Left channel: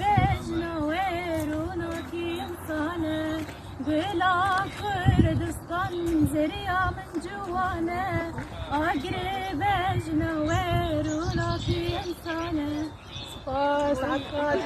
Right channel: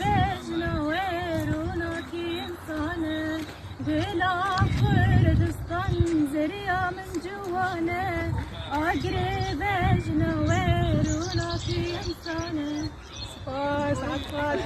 بجنا ويرونك إنسانة بلا كردستان زريا من جوانا أقرب بجنا ويرونك إنسانة سباس عكاش